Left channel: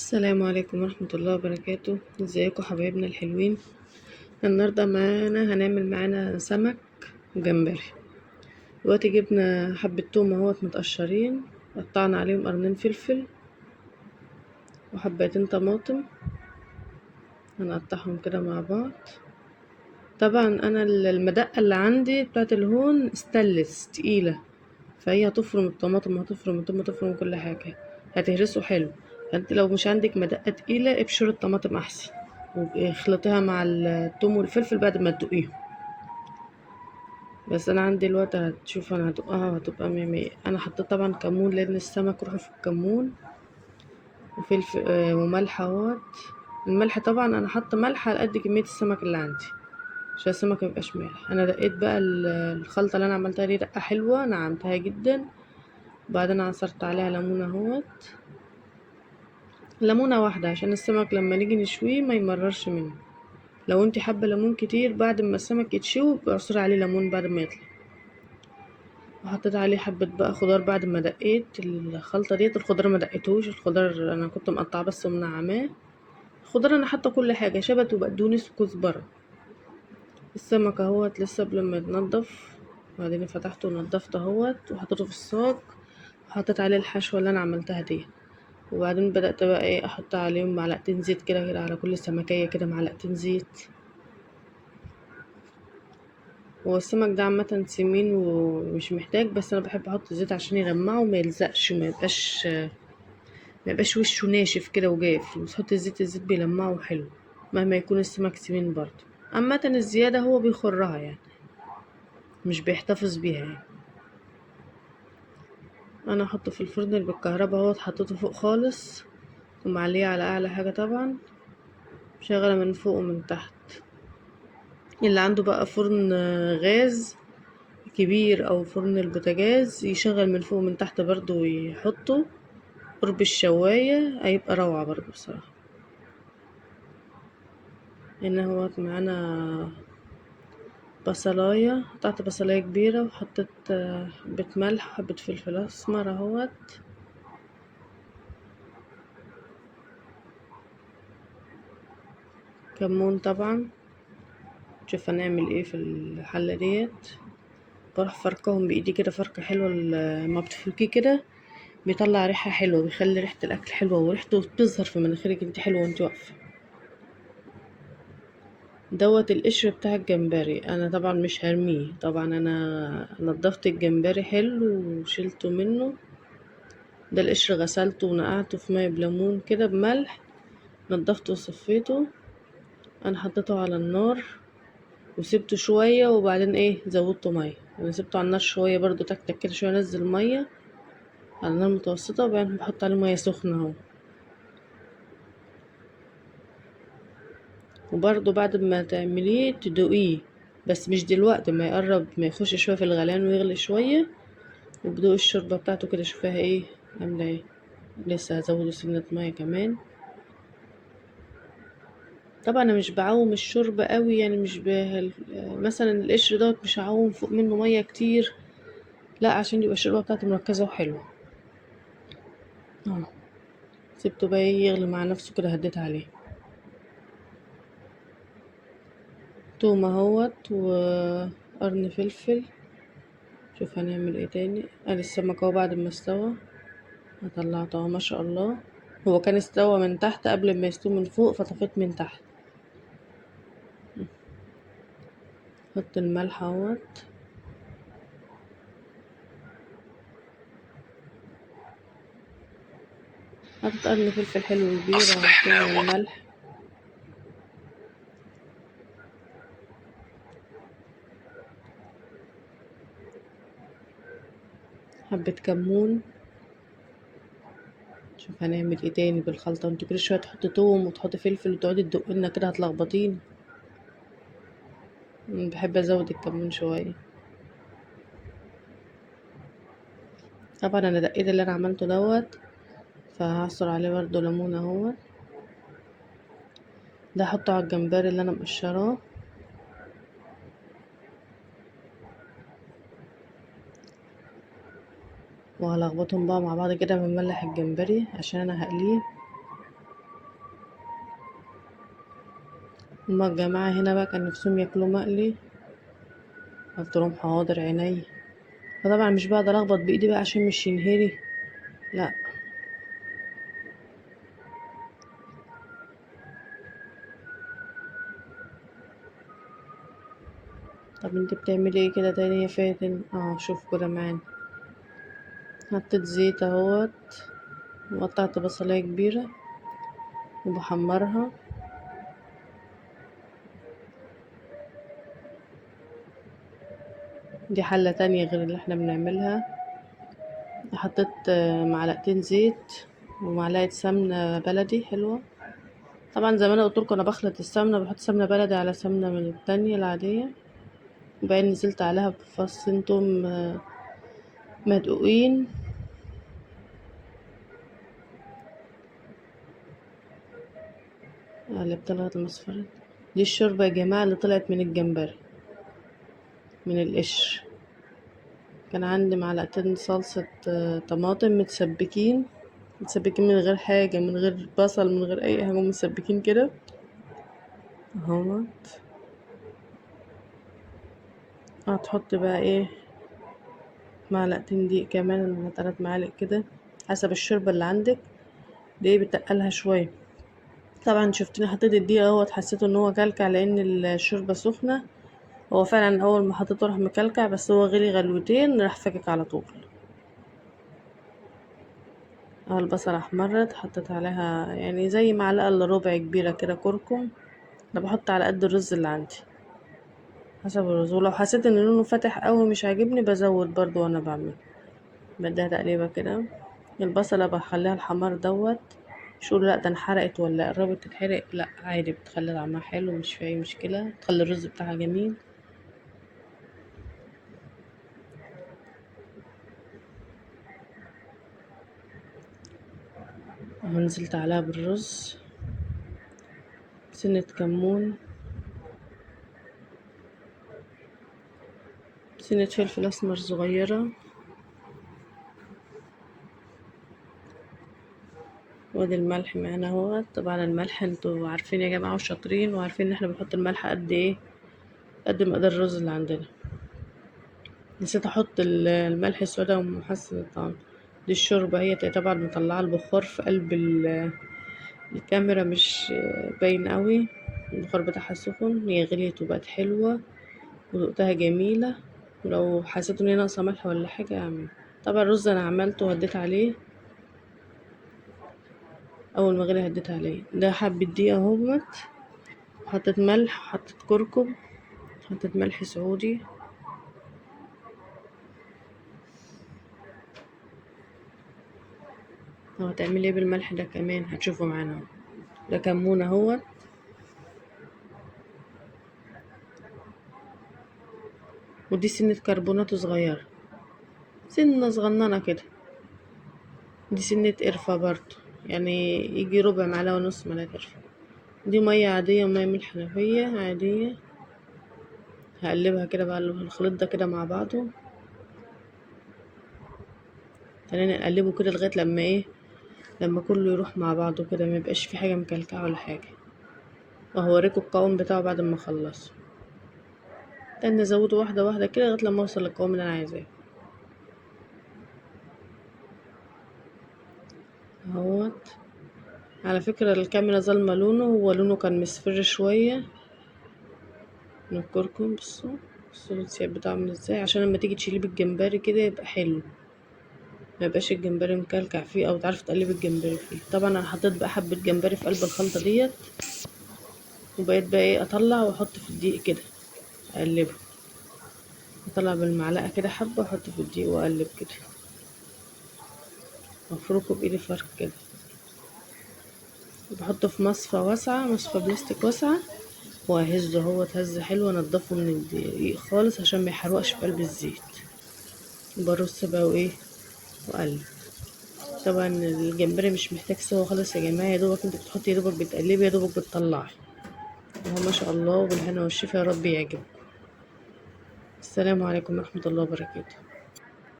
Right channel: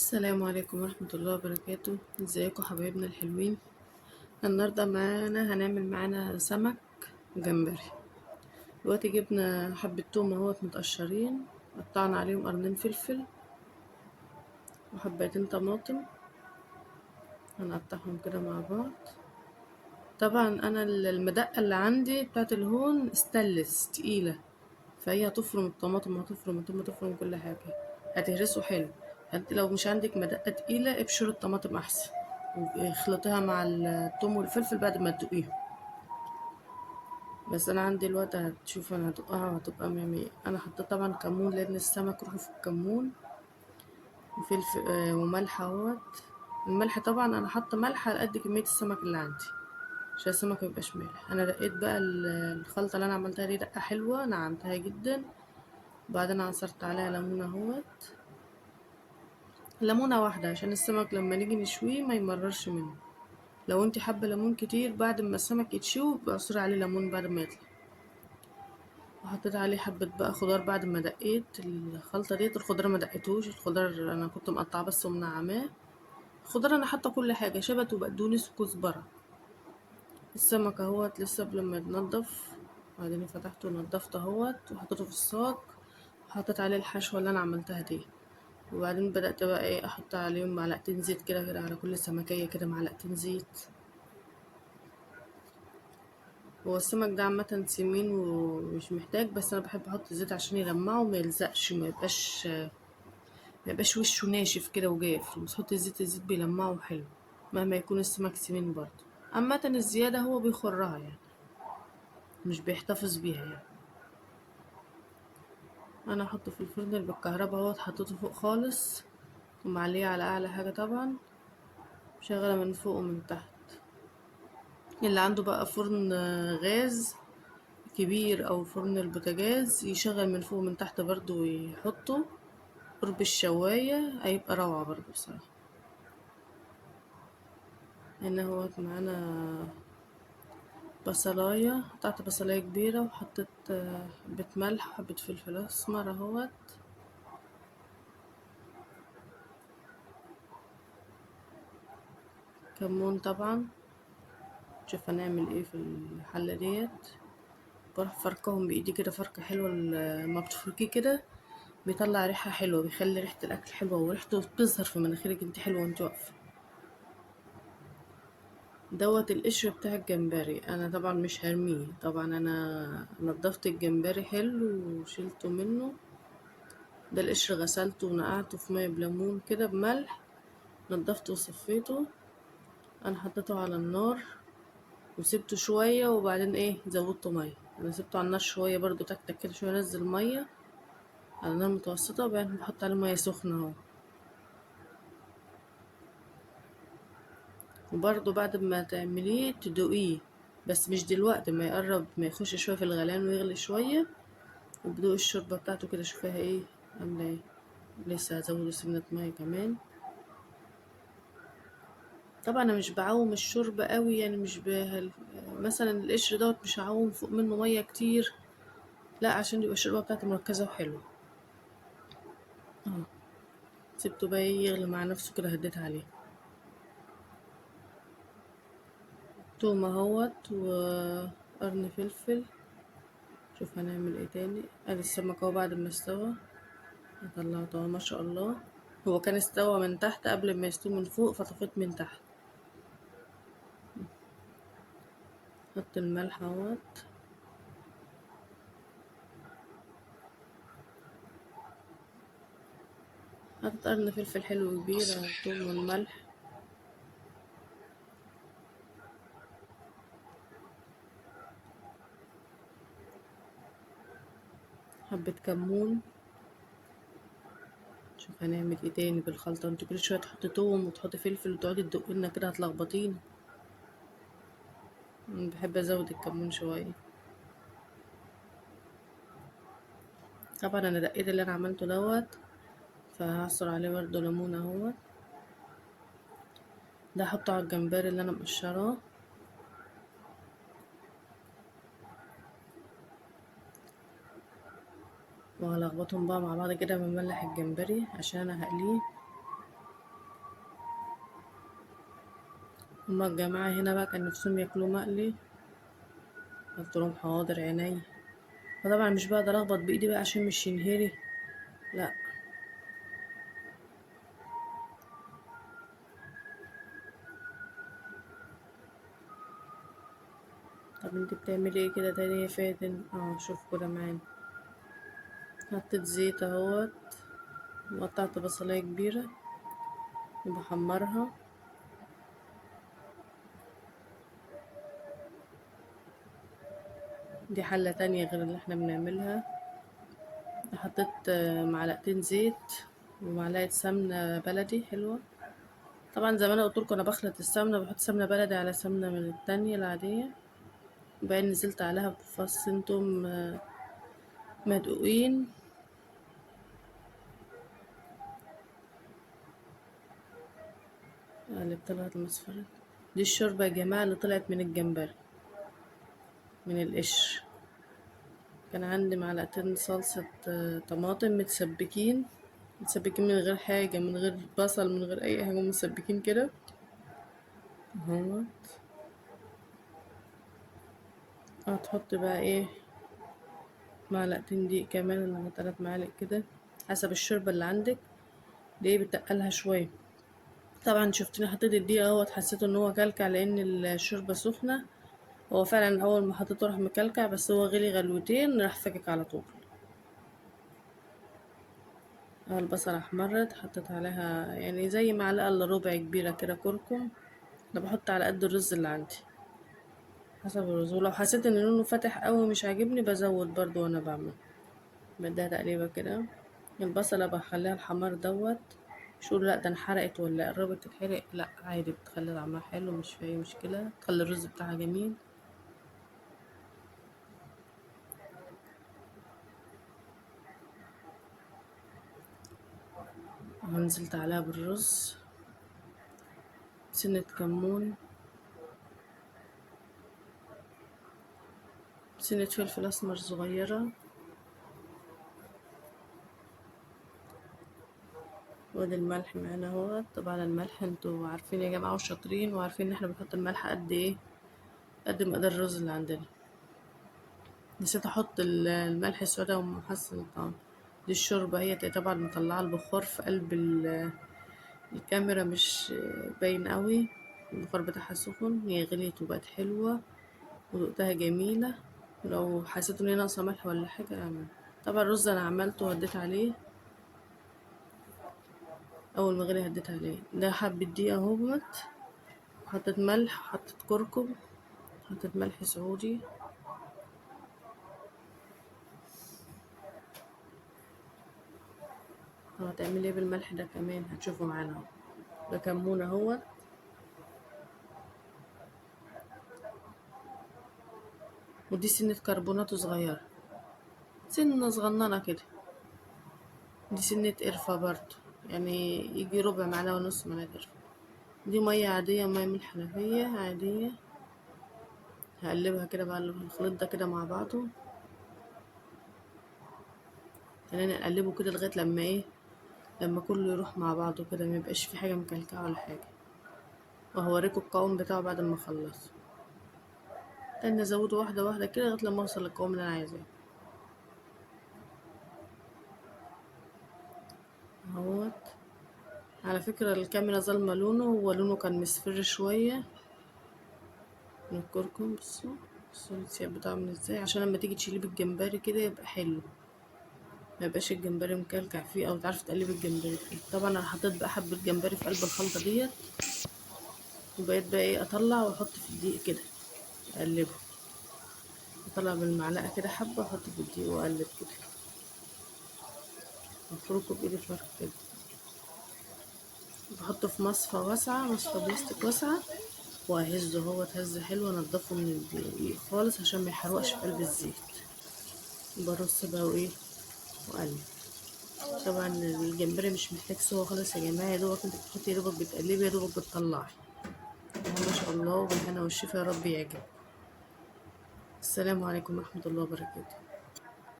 السلام عليكم ورحمة الله وبركاته. ازيكم حبايبنا الحلوين؟ النهاردة هنعمل معانا سمك وجمبري. دلوقتي جبنا حبة توم اهوت متقشرين، قطعنا عليهم قرنين فلفل وحبتين طماطم، هنقطعهم كده مع بعض. طبعا انا المدقة اللي عندي بتاعت الهون ستانلس تقيلة، فهي هتفرم الطماطم وهتفرم التوم وهتفرم كل حاجة، هتهرسه حلو. فانت لو مش عندك مدقة تقيلة ابشر الطماطم احسن، واخلطيها مع التوم والفلفل بعد ما تدقيهم. بس انا عندي الوقت هتشوف انا هدقها وهتبقى مية مية. انا حطيت طبعا كمون لان السمك روحه في الكمون، وفلفل وملح اهوت. الملح طبعا انا حاطه ملح على قد كمية السمك اللي عندي عشان السمك ميبقاش مالح. انا دقيت بقى الخلطة اللي انا عملتها دي دقة حلوة، نعمتها جدا. بعدين عصرت عليها ليمونة اهوت، ليمونة واحدة عشان السمك لما نيجي نشويه ما يمررش منه. لو انت حابة ليمون كتير بعد ما السمك يتشوي بعصري عليه ليمون بعد ما يطلع. وحطيت عليه حبة بقى خضار بعد ما دقيت الخلطة ديت. الخضار ما دقيتهوش، الخضار انا كنت مقطعه بس ومنعماه. الخضار انا حاطه كل حاجة، شبت وبقدونس وكزبرة. السمك اهوت لسه قبل ما يتنضف، بعدين فتحته ونضفته اهوت وحطيته في الصاج، وحطيت عليه الحشوة اللي انا عملتها دي. وبعدين بدأت بقى ايه احط عليهم معلقتين زيت كده على كل سمكية كده معلقتين زيت. هو السمك ده عامة سمين ومش محتاج، بس انا بحب احط زيت عشان يغمقه وما يلزقش ما يبقاش وشه ناشف كده وجاف. وتحط الزيت بيلمعه حلو مهما يكون السمك سمين برضه. عامة الزيادة هو بيخرها يعني، مش بيحتفظ بيها يعني. انا احطه في الفرن اللي بالكهرباء اهوت، حطيته فوق خالص ومعليه على اعلى حاجة طبعا، شغلة من فوق ومن تحت. اللي عنده بقى فرن غاز كبير او فرن البوتاجاز يشغل من فوق ومن تحت برضو ويحطه قرب الشواية، هيبقى روعة برضو بصراحة. هنا هو معانا بصلاية، قطعت بصلاية كبيرة وحطيت حبة ملح وحبة فلفل اسمر اهوت. كمون طبعا. شوف هنعمل ايه في الحلة ديت. بروح فركهم بايدي كده فركة حلوة، لما بتفركيه كده بيطلع ريحة حلوة، بيخلي ريحة الاكل حلوة وريحته بتظهر في مناخيرك انت حلوة وانت واقفة. دوت القشر بتاع الجمبري، انا طبعا مش هرميه، طبعا انا نضفت الجمبري حلو وشلته منه. ده القشر غسلته ونقعته في ميه بليمون كده بملح، نضفته وصفيته. انا حطيته على النار وسبته شويه، وبعدين ايه زودته ميه. انا سبته على النار شويه برضو تكتك كده شويه، انزل ميه على نار متوسطه، وبعدين بحط عليه ميه سخنه اهو. وبرضو بعد ما تعمليه تدوقيه، بس مش دلوقتي، ما يقرب ما يخش شويه في الغليان ويغلي شويه، وبدوق الشوربة بتاعته كده شوفها ايه عاملة ايه. لسه هزوده سنة مية كمان. طبعا انا مش بعوم الشوربة قوي يعني، مش مثلا القشر دوت مش هعوم فوق منه مية كتير، لا عشان يبقى الشوربة بتاعته مركزة وحلوة. اه سبته بقى يغلي مع نفسه كده، هديت عليه توم اهوت وقرن فلفل. شوف هنعمل ايه تاني. ادي السمك اهو بعد ما استوى، طلعته اهو ما شاء الله. هو كان استوى من تحت قبل ما يستوي من فوق، فطفيت من تحت. حط الملح اهوت، حطيت قرن فلفل حلو كبير اهو مع الملح. حبة كمون. شوف هنعمل ايه تاني بالخلطة، انت كل شوية تحطي توم وتحطي فلفل وتقعدي تدقلنا كده هتلخبطينا. بحب ازود الكمون شوية. طبعا انا دقيت اللي انا عملته دوت، فهعصر عليه برضه ليمون اهو. ده احطه على الجمبري اللي انا مقشراه، وهلخبطهم بقى مع بعض كده بملح الجمبري عشان انا هقليه. هما الجماعة هنا بقى كان نفسهم ياكلوا مقلي، قلت لهم حاضر عيني. فطبعا مش بقدر اخبط بايدي بقى عشان مش ينهري، لا. طب انت بتعملي ايه كده تاني يا فاتن؟ شوف كده معانا. حطيت زيت اهوت، وقطعت بصلاية كبيرة وبحمرها. دي حلة تانية غير اللي احنا بنعملها. حطيت معلقتين زيت ومعلقة سمنة بلدي حلوة. طبعا زي ما انا قلتلكوا انا بخلط السمنة، بحط سمنة بلدي على سمنة من التانية العادية. وبعدين نزلت عليها بفصين توم مدقوقين. قلبت لغاية ما اصفرت. دي الشوربة يا جماعة اللي طلعت من الجمبري، من القشر. كان عندي معلقتين صلصة طماطم متسبكين من غير حاجة، من غير بصل، من غير اي حاجة، متسبكين كده اهو. هتحط بقى ايه، معلقتين دقيق كمان ولا 3 معالق كده حسب الشوربة اللي عندك. دي بتقلها شوية. طبعا شفتني حطيت الدقيق اهوت، حسيت ان هو كلكع لان الشوربة سخنة. هو فعلا اول ما حطيته راح مكلكع، بس هو غلي غلوتين راح فكك على طول. البصلة احمرت، حطيت عليها يعني زي معلقة الا ربع كبيرة كده كركم. انا بحط على قد الرز اللي عندي حسب الرز، ولو حسيت ان لونه فاتح قوي مش عاجبني بزود برضو وانا بعمل. بديها تقليبة كده. البصلة بخليها الحمار دوت. شو لا ده انحرقت ولا قربت تتحرق؟ لا عادي، بتخلي طعمها حلو، مش في اي مشكلة، تخلي الرز بتاعها جميل. نزلت عليها بالرز، سنة كمون، سنة فلفل اسمر صغيرة، وادي الملح معانا اهوت. طبعا الملح انتوا عارفين يا جماعة وشاطرين، وعارفين ان احنا بنحط الملح قد ايه، قد مقدار الرز اللي عندنا. نسيت احط الملح السودا ومحسن الطعم. دي الشوربة هي طبعا مطلعة البخار في قلب الكاميرا، مش باين قوي. البخار بتاعها سخن، هي غليت وبقت حلوة ودقتها جميلة. ولو حسيت ان هي ناقصة ملح ولا حاجة اعمل. طبعا الرز انا عملته وهديت عليه، اول ما غلي هديت عليه. ده حبة دقيقة اهوت، حطيت ملح، حطيت كركم، حطيت ملح سعودي. هتعملي ايه بالملح ده كمان هتشوفوا معانا اهو. ده كمون اهوت. ودي سنة كربونات صغيرة، سنة صغننة كده. دي سنة قرفة برضو، يعني يجي ربع معلقة ونص معلقة قرفة. دي مية عادية، مية من الحنفية عادية. هقلبها كده بقى الخليط ده كده مع بعضه. خلينا نقلبه كده لغاية لما ايه، لما كله يروح مع بعضه كده، ما يبقاش في حاجة مكلكعة ولا حاجة. وهوريكم القوام بتاعه بعد ما اخلصه. تاني ازوده واحدة واحدة كده لغاية لما اوصل للقوام اللي انا عايزاه اهوت. على فكرة الكاميرا ظالمة لونه، هو لونه كان مصفر شوية من الكركم. بصوا السياب بتاعه عامل ازاي، عشان لما تيجي تشيليه بالجمبري كده يبقى حلو، ما يبقاش الجمبري مكلكع فيه، او تعرف تقلب الجمبري فيه. طبعا انا حطيت بقى حبة جمبري في قلب الخلطة ديت. وبقيت بقى ايه، اطلع واحط في الدقيق كده اقلبه. اطلع بالمعلقة كده حبة واحط في الدقيق واقلب كده، وافركه بايدي فرك كده. بحطه في مصفى واسعة، مصفى بلاستيك واسعة، واهزه. هو اتهز حلو، انضفه من الدقيق خالص عشان ما يحرقش في قلب الزيت. برص بقى وايه، واقلب. طبعا الجمبري مش محتاج سوا خالص يا جماعه، يا دوبك انت بتحطي، يا دوبك بتقلبي، يا دوبك بتطلعي. ما شاء الله، وبالهنا والشفا، يا رب يعجب. السلام عليكم ورحمه الله وبركاته.